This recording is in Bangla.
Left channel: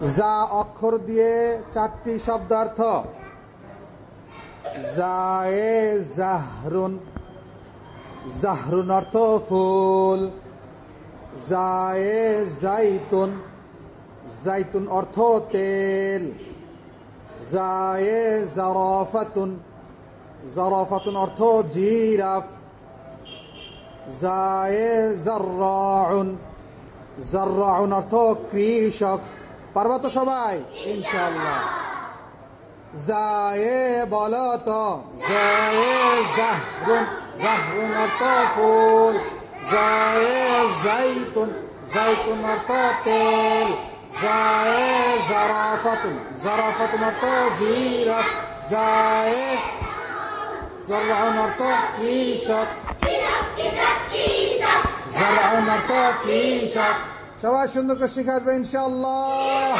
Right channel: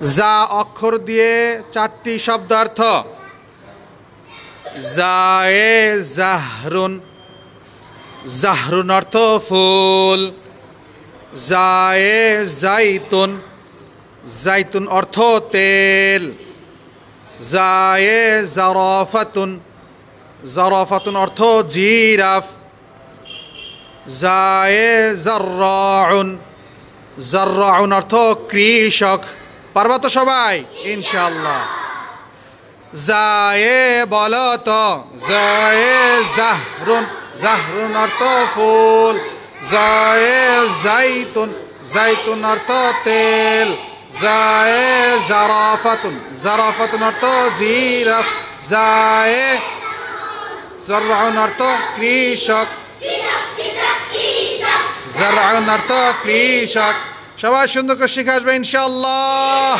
যা অক্ষর দিয়ে চারটি শব্দার্থ। জায়ে জাহরুন, জাহরুন অর্থ ফুল। জায়ে জাইতুন, জাইতুন অর্থ তেল। জায়ে জারাফাতুন, জারাফাতুন অর্থ জিরাফ। জায়ে জাররাউন, জাররাউন অর্থ কৃষক। পারবা তো সবাই ইনশাআল্লাহ। জায়ে বলো তো, জায়ে জাহরুন, জাহরুন অর্থ ফুল। জায়ে জাইতুন, জাইতুন অর্থ তেল। জায়ে জারাফাতুন, জারাফাতুন অর্থ জিরাফ। জায়ে জাররাউন অর্থ কৃষক, জাররাউন অর্থ কৃষক। সবাই সুন্দর করে শিখে আসবে ইনশাআল্লাহ।